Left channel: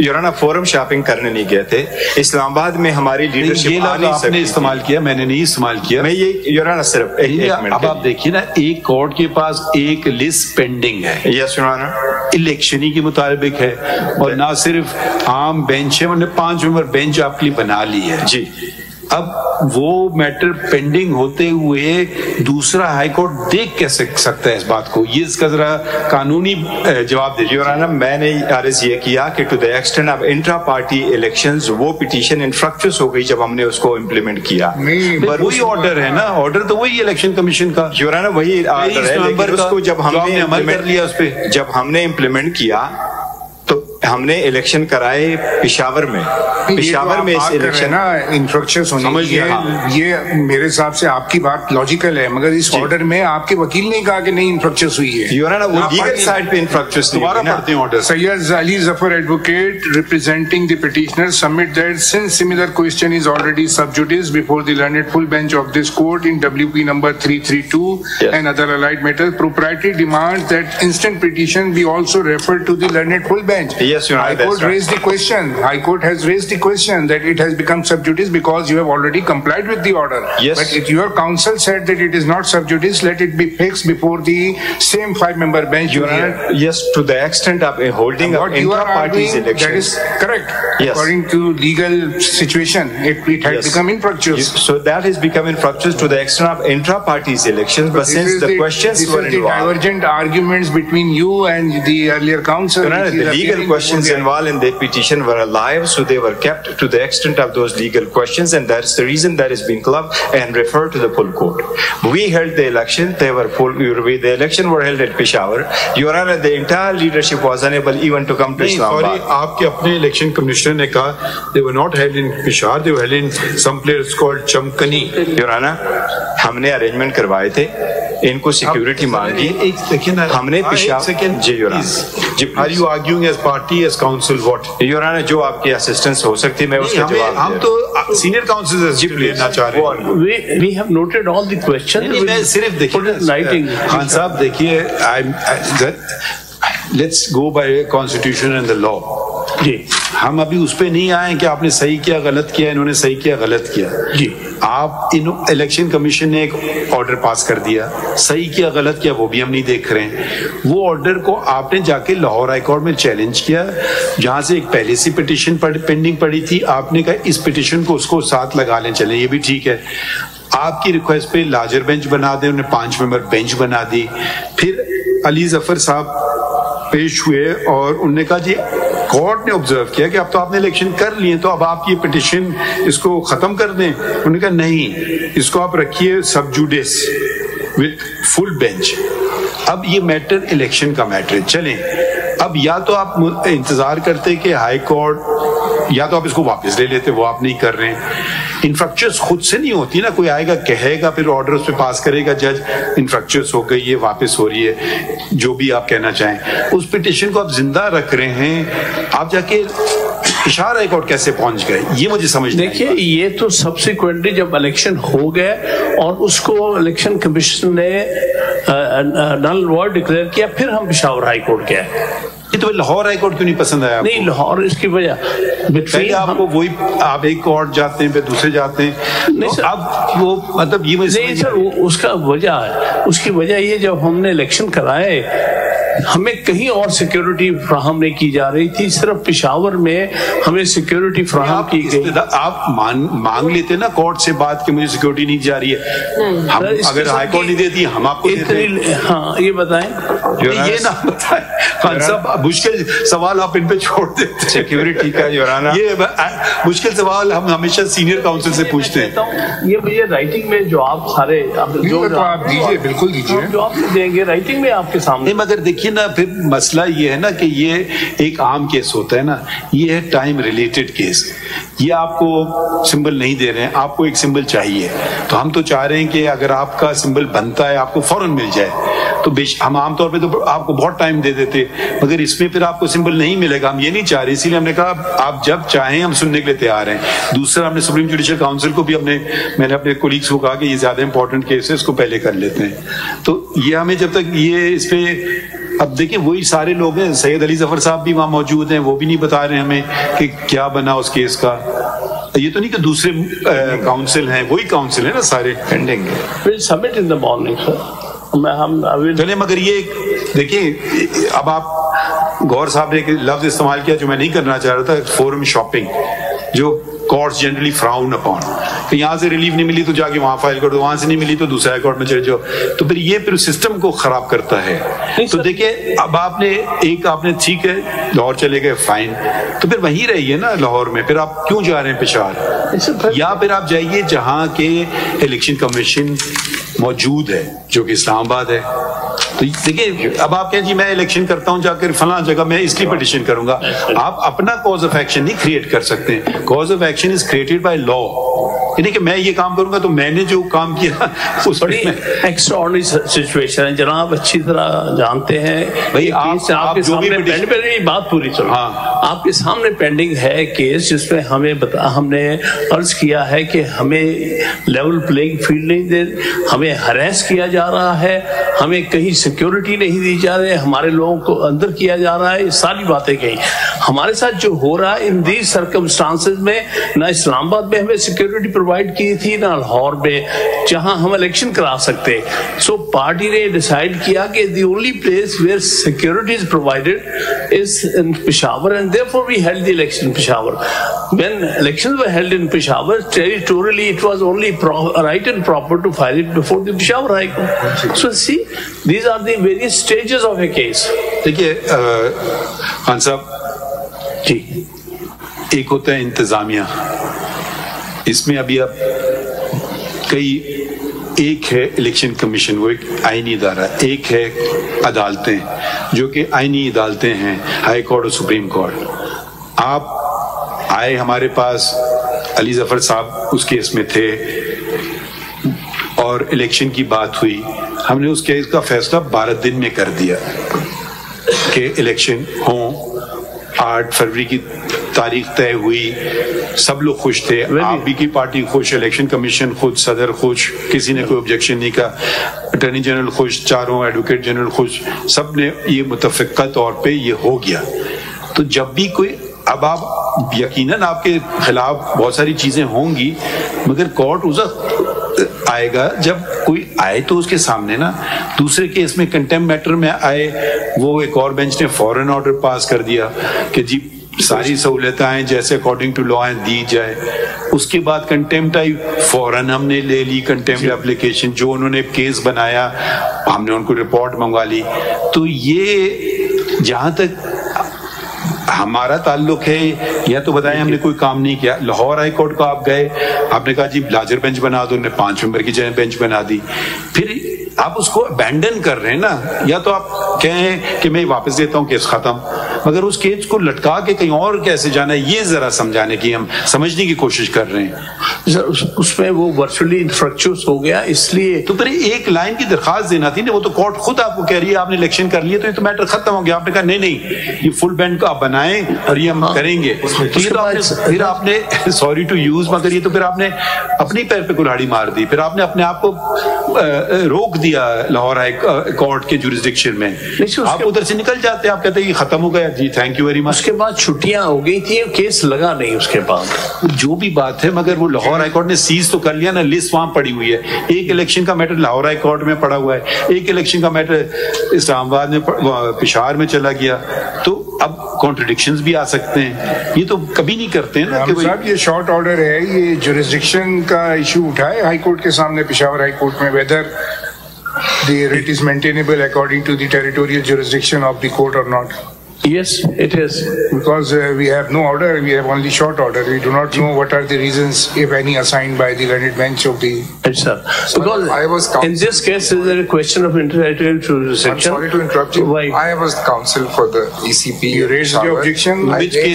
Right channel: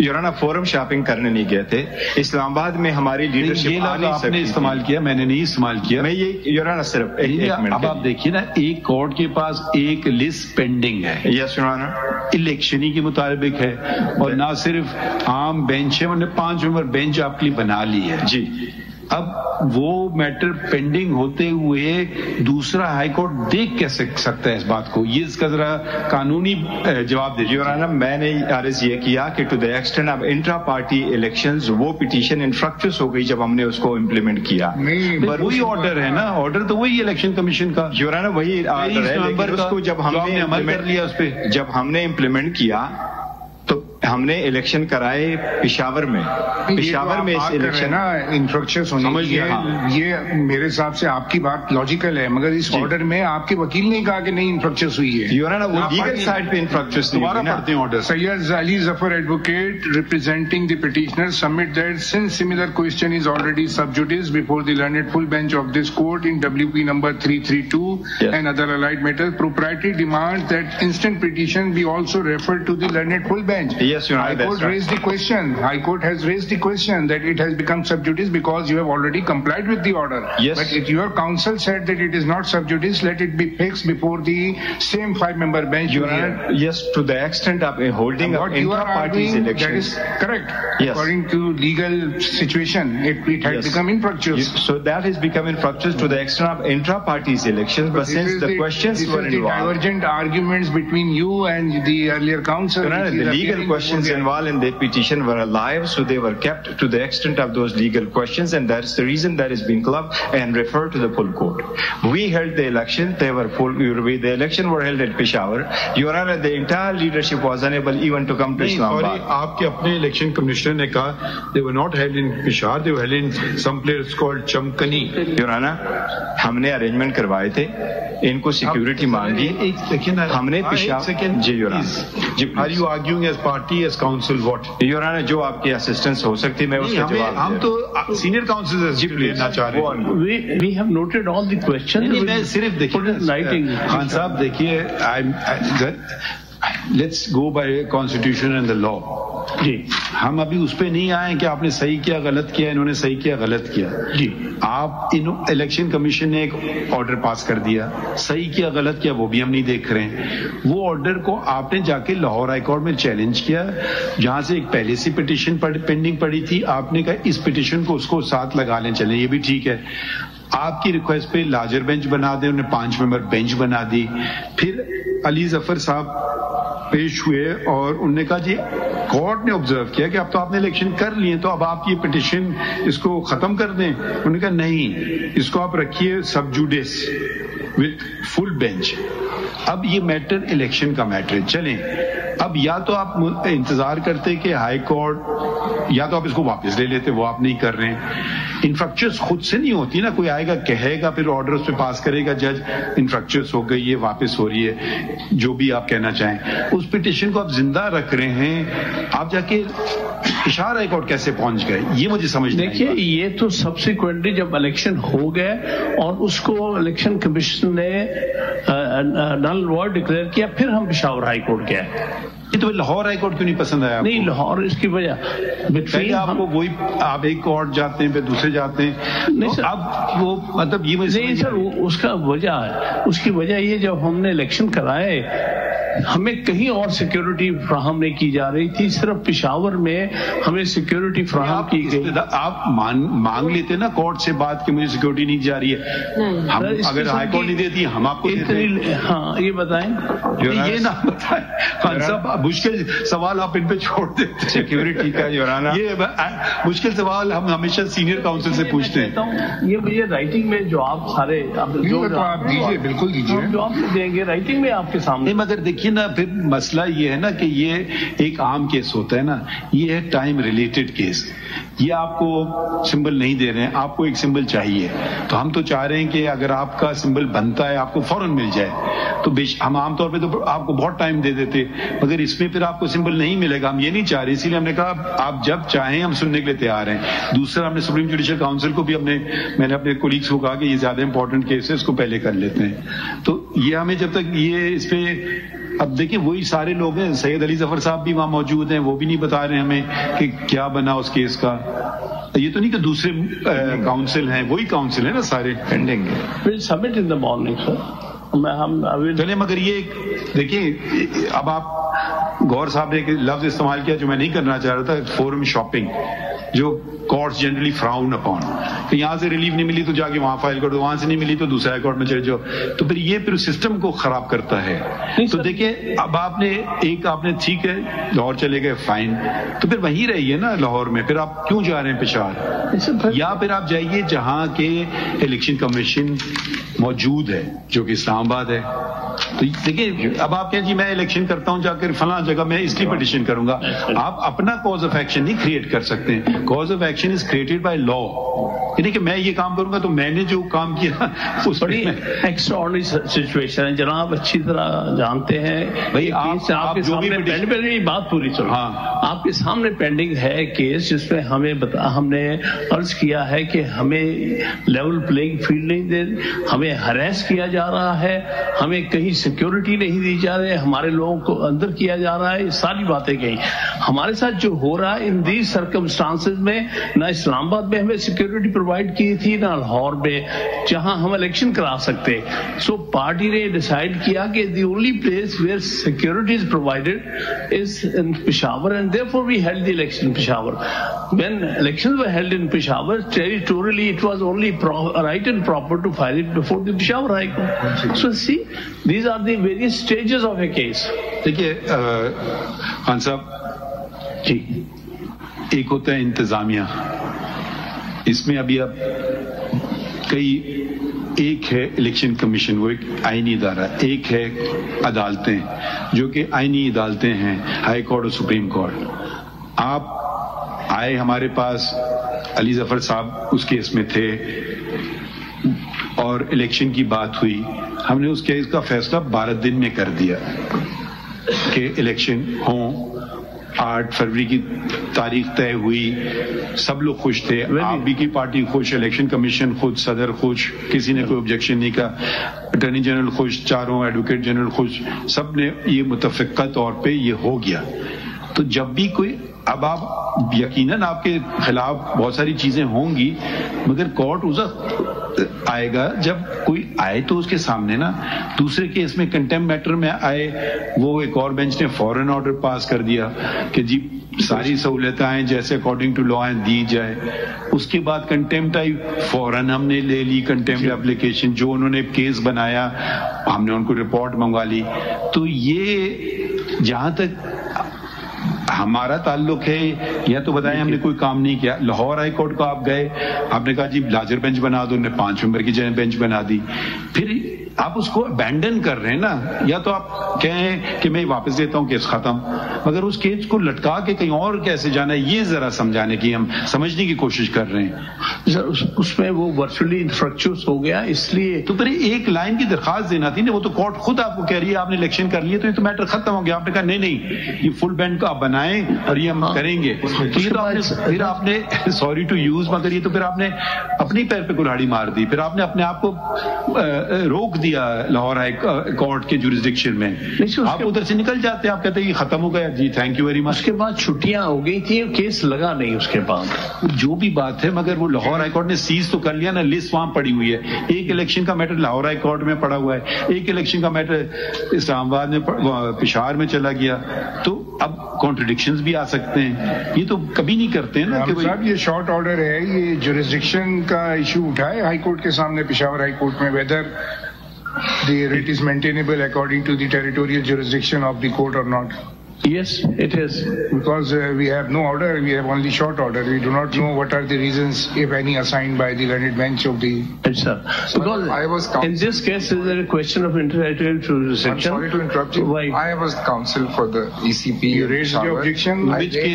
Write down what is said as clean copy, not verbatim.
یورانا forum shopping کرنے نہیں گئے تھے. اسلام آباد میں ہماری لیڈرشپ آپ نے استعمال کیا, میں نے نہیں استعمال کیا. میں یہ یورانا صرف ایک منٹ. اب آپ دیکھیے نا, ایک کورٹ کے پاس ایک لسٹ پینڈنگ ہے. یس یورانا, الیکشنی کے مطابق ہے, اور نہ صرف عام بینچ ہے, انہوں نے 5 ممبر بینچ آپ کے لیے بنا لی ہے. جی, اب وہ میٹر پینڈنگ ہوتے ہوئے دوسرا ہائی کورٹ دیکھ کے سکتا ہے اس بات کو. یہ اس کا ذرا قانونی جواب دے. یورانا میں نے عرض یہ کیا کہ to the extent of intra party elections وہ پٹیشن انفرکچوس ہو گئی جب ہم نے اس کو امپلیمنٹ کیا. وہی آرڈر ہے نا, آرڈر تو وہی الیکشن کمیشن کا. یورانا وہی آرڈر ہے, لیکن اس کو جب ہم نے عمل کر لیا, اس پہ جب ہم نے امپلیمنٹ کیا تو ہم نے الیکشن کرائے پشاور میں. پشاور میں الیکشن انفرکچرز ہونے کی, یہ میرے حساب سے آپ کی بات لاجیکل ہے, مگر اس آرڈر میں آپ کے وکیل نے کہا کہ نہیں انفرکچرز ہوئی ہے. یورانا وہ لیگل سائڈ پہ انفرکچرز دوبارہ پڑھتے ہیں order. Syed Ali Zafar advocate representing the petitioner submit that since similar question is already sub judice before the learned full bench of this court in WP number 332 and other allied matters, propriety demands that instant petition be also referred to the learned full bench. Yes, Your Honor. High Court raised the question. High Court has raised the question that it has become sub judice because you have already complied with the order. Yes. But if your counsel said that it is not sub judice, let it be fixed before the same 5-member bench. Your Honor, yes, to the extent of holding of intra-parties elections. That is correct. Yes. According to legal situation, it has become infructuous. So that has become infructuous to the extent of intra-parties elections. But since the questions were involved, the divergent arguments between you and the earlier counsel. Your Honor, the legal questions involved in the petition were alive, so they were kept to the extent of those legal questions, and that's the reason that is being clubbed and referred to the full court. We held the election, they were full, the election were held at Peshawar. Your Honor, the entire leadership was unable even to come to Islamabad. آپ کے اپنے election commissioner نے کہا they were not held in Peshawar, they were held in some place called Chamkani. Your Honor, ہم نے arrangement کروائے تھے, ان کو سیکیورٹی مانگی, ہم نے پشاور. جی your honour, Are you arguing as party, as council, what? Your honour, جو آپ کی اسسٹنس ہو سکتی میں اس کا جواب. ہم تو سینئر کاؤنسل سے لینا چاہ رہے ہیں. We have noted all the questions. میں صرف دیکھیے خان صاحب, دیکھیے let's go by constitution and the law. جی, ہم ابھی اس پہ نہیں آئے کہ آپ نے صحیح کیا غلط کیا, انہوں نے صحیح کیا غلط کیا. جی, آپ الیکشن کمیشن نے ایک آرڈر پاس کر دیا, صحیح کیا غلط کیا وہ بھی ہم نہیں دیکھ رہے ہیں. وہ آرڈر کو آپ نے جا کے لاہور ہائی کورٹ میں چیلنج کیا, جہاں سے ایک پہلے سے پٹیشن پینڈنگ پڑی تھی, آپ نے کہا اس پٹیشن کو اس کو ساتھ لگا لیں, چلیں یہ بھی ٹھیک ہے. آپ کی ریکویسٹ پہ لارجر بینچ بنا دیں, انہوں نے 5 ممبر بینچ بنا دی. پھر علی ظفر صاحب پیش ہوئے اور انہوں نے کہا جی کورٹ نے آبزرو کیا کہ اب تو آپ نے الیکشن کر لیے, تو اب آپ یہ پٹیشن اس کو ختم کر دیں. انہوں نے کہا نہیں, اس کو آپ رکھیے سب جوڈیس وتھ فل بینچ. اب یہ میٹر الیکشن کا میٹر ہے. چلیں, اب یا تو آپ انتظار کرتے کہ ہائی کورٹ, یا تو آپ اس کو واپس لے لیتے, وہ آپ نہیں کر رہے ہیں. انفرکچرس خود سے نہیں ہوتی نا, کوئی آئے گا کہے گا پھر آرڈر اس پہ پاس کرے گا جج, انفرکچرس ہو گئی ہے واپس ہو رہی ہے, جو بھی آپ کہنا چاہیں. اس پٹیشن کو آپ زندہ رکھ رہے ہیں, آپ جا کے پشاور ہائی کورٹ کیسے پہنچ گئے, یہ مجھے سمجھ نہیں. دیکھیے, یہ تو سبسیکوینٹلی جب الیکشن ہو گئے اور اس کو الیکشن کمیشن نے نل وائڈ ڈکلیئر کیا, پھر ہم پشاور ہائی کورٹ گئے. یہ تو لاہور ہائی کورٹ کیوں نہیں پسند آیا؟ نہیں, لاہور اس کی وجہ پہلے آپ کو وہی, آپ ایک کورٹ جاتے ہیں پھر دوسرے جاتے ہیں. نہیں سر, اب وہ مطلب یہ نہیں سر, اس کا وجہ ہے, اس کی وجہ یہ جب ہم نے الیکشن کرائے ہمیں کہیں اور سیکیورٹی فراہم نہیں کی جا رہی تھی, صرف پشاور میں ہمیں سیکیورٹی فراہم کی گئی. آپ مانگ لیتے نا کورٹ سے بات کہ مجھے سیکیورٹی نہیں جا رہی ہے, ہم اگر ہائی کورٹ نہیں دیتی ہم آپ کو دیتے. ہاں, یہ بتائیں, یہ نہ بتائیں خان صاحب, مشکل سوال آپ ان پہ چھوڑ دیتے. سیکیورٹی کا یہ مشکل سوال ہم ہمیشہ سینئر کاؤنسل سے پوچھتے ہیں. یہ مجھے رائٹنگ میں جو آپ سارے جو آپ دیجیے, بالکل دیجیے, جو آپ دیں گے رائٹنگ میں آپ کے سامنے. مگر دیکھیے نا, پھر مسئلہ یہ ہے نا کہ یہ ایک عام کیس ہوتا ہے نا, یہ ہے ٹائم ریلیٹڈ کیس. یہ آپ کو سمبل نہیں دے رہے ہیں, آپ کو ایک سمبل چاہیے, تو ہم تو چاہ رہے ہیں کہ اگر آپ کا سمبل بنتا ہے آپ کو فوراً مل جائے. تو ہم عام طور پہ تو آپ کو بہت ٹائم دے دیتے, مگر اس میں پھر آپ کو سمبل نہیں ملے گا, ہم یہ نہیں چاہ رہے. اسی لیے ہم نے کہا آپ جب چاہیں ہم سننے کے لیے تیار ہیں. دوسرا, ہم نے سپریم جوڈیشل کاؤنسل کو بھی میں نے اپنے کولیگس کو کہا کہ یہ زیادہ امپورٹنٹ کیس ہے, اس کو پہلے کر لیتے ہیں. تو یہ ہمیں جب تک یہ اس پہ اب دیکھیں وہی سارے لوگ ہیں, سید علی ظفر صاحب بھی وہاں موجود ہیں, وہ بھی نہیں بتا رہے ہمیں کہ کیا بنا اس کیس کا. یہ تو نہیں کہ دوسرے کاؤنسل ہیں, وہی کاؤنسل ہے نا سارے پینڈنگ ہے. Submit in the morning sir. چلیں مگر یہ دیکھیں, اب آپ گور صاحب نے ایک لفظ استعمال کیا جو میں نہیں کرنا چاہ رہا تھا, فورم شاپنگ, جو کورٹس جنرلی فراؤن اپون. تو یہاں سے ریلیف نہیں ملی تو جا کے وہاں فائل کر دو, وہاں سے نہیں ملی تو دوسرے کورٹ میں چلے جاؤ, تو پھر یہ پھر سسٹم کو خراب کرتا ہے. تو دیکھیں اب آپ نے ٹھیک ہے لاہور چلے گئے, فائن, تو پھر وہیں رہیے نا لاہور میں, پھر آپ کیوں جا رہے ہیں پشاور؟ یا پھر آپ جائیے جہاں کے الیکشن کمیشن موجود ہے جو کہ اسلام آباد ہے. تو دیکھیں اب آپ کہیں جی میں الیکشن کرتا ہوں جا کر فلاں جگہ میں اس کی پٹیشن کروں گا, آپ اپنا کاز آف ایکشن نہیں کریٹ کر سکتے. Cause of action is created by law, یعنی کہ میں یہ کام کروں گا تو میں نے جو کام کیا اس بڑی ایکسٹراڈنری سچویشن ہے جناب, اچھی طرح جانتے ہیں بھائی. آپ کے سامنے بات پوری چلو, آپ کے سامنے پینڈنگ ہے کیس جس میں ہم نے عرض کیا ہے کہ ہمیں لیول پلینگ فیلڈ نہیں دے, ہمیں ہراس کیا جا رہا ہے, ہمیں کہیں سیکیورٹی نہیں دی جا رہی ہے, ہمارے لوگوں کو اندر کیا جا رہا ہے. یہ ساری باتیں کہیں ہمارے ساتھ جو ہو رہا ہے ان دیز سرکمسٹانسز میں, نہ اسلام آباد میں ہمیں سیکیورٹی پرووائڈ کی تھی نہ لاہور میں جہاں ہم الیکشن کرا سکتے. سو پارٹی نے ڈیسائیڈ کیا کہ the only place where security is provided is in Peshawar, and therefore we held the election in Peshawar. When elections were held in Peshawar, territorially it was only right and proper to file it before the Peshawar High Court. So see, these are the various stages of a case. دیکھیے خان صاحب جی, ایک ہوتا ہے انتظامیہ, اس میں ابھی اب ایک ہے الیکشن کمیشن, وہ ایک آئینی ادارہ, ایک ہے عدالتیں جو کہ آئینی عدالتیں ہیں, ہائی کورٹ اور سپریم کورٹ. آپ آئے ہمارے پاس, علی ظفر صاحب اس کیس میں تھے اور الیکشن کی بات ہوئی, ہم نے اس کیس کا فیصلہ 12 دن میں کر دیا کہ الیکشن ہوں. 8 فروری کی تاریخ طے ہوئی, سب لوگ خوش تھے, آپ بھی کی پارٹی خوش, الیکشن کمیشن خوش, صدر خوش, کسی نے کوئی آبجیکشن نہیں کہا, اٹارنی جنرل خوش, چاروں ایڈوکیٹ جنرل خوش, سب نے یہ متفقہ طور پہ یہ ہو گیا. تو جب بھی کوئی, اب آپ یقیناً آپ کے خلاف بہت ساری چیزیں ہوں گی, مگر کورٹ اس وقت آئے گا جب کوئی آئے تو اس کے سامنے نا. دوسرے کیس میں کنٹمپٹ میٹر میں آئے, وہ ایک اور بینچ نے فوراً آرڈر پاس کر دیا کہ جی ساری سہولتیں جیسے اکارڈنگ ٹو لا دی جائے. اس کے بعد کنٹمپٹ آئی, فوراً ہم نے لے لی کنٹمپٹ اپلیکیشن, جو انہوں نے کیس بنایا ہم نے ان کو رپورٹ منگوا لی. تو یہ جہاں تک ہمارا تعلق ہے, یا تو بتائیں ہم نے کوئی کام نہیں کیا. لاہور ہائی کورٹ کو آپ گئے, آپ نے کہا جی لارجر بینچ بنا دو, انہوں نے 5 ممبر کی بینچ بنا دی. پھر آپ اس کو ابینڈن کر رہے ہیں نا, یا تو آپ کہیں کہ میں واپس دیتا ہوں کیس ختم, مگر اس کیس کو لٹکا کے کہیں اور کیسے جانا ہے, یہ ذرا سمجھانے کی, ہم سمجھنے کی کوشش کر رہے ہیں. اس میں وہ ورچولی انفریکچرس ہو گیا, اس لیے تو پھر ایک لائن کی درخواست دینا تھی نا. وہ تو کورٹ خود آپ کو کہہ رہی ہے آپ نے الیکشن کر لیے تو یہ تو میٹر ختم ہو گیا. آپ نے کہا نہیں یہ فل بینڈ کو آپ بنائیں اور یہ ہم کریں گے. پھر آپ نے سوری ٹو یوز, مگر یہ تو پھر آپ نے اپنی پیر پہ کلاڑی مار دی, پھر آپ نے اپنے آپ کو روک دیا لاہور ہائی کورٹ کے جوریسڈکشن میں. آپ ادھر سے نکل جاتے, آپ کہتے ہیں یہ ختم ہو گیا جی تھینک یو ویری مچ. اس کے بعد چھٹیاں ہو گئی تھی, کیس لگا نہیں اس کے بعد, جو بھی بات ہے. مگر وہ لاہور ہائی کورٹ نے سیز تو کر لیا نا, لسٹ وہاں پڑی ہوئی ہے. ایک الیکشن کا میٹر لاہور ہائی کورٹ میں پڑا ہوا ہے, ایک الیکشن کا میٹر اسلام آباد میں پشاور میں چلا گیا. تو اب کانٹرڈکشنز بھی آ سکتے ہیں, یہ تو کبھی نہیں کرتے ہیں نا کہ صاحب یہ شارٹ آرڈر ہے, یہ جوریسڈکشن کا ایشو اٹھائے ہائی کورٹ کے سامنے پشاور ہائی کورٹ میں, whether the writ is maintainable according to the territorial jurisdiction of the court or not. Yes, it is. Because we have no order, we have only short order. We do not know what are the reasons, if any, assigned by the learned bench of the... Yes, sir. Because in this case, is there a question of territorial jurisdiction? I'm sorry to interrupt you. Why? I was counsel for the ECP. You raised the objection.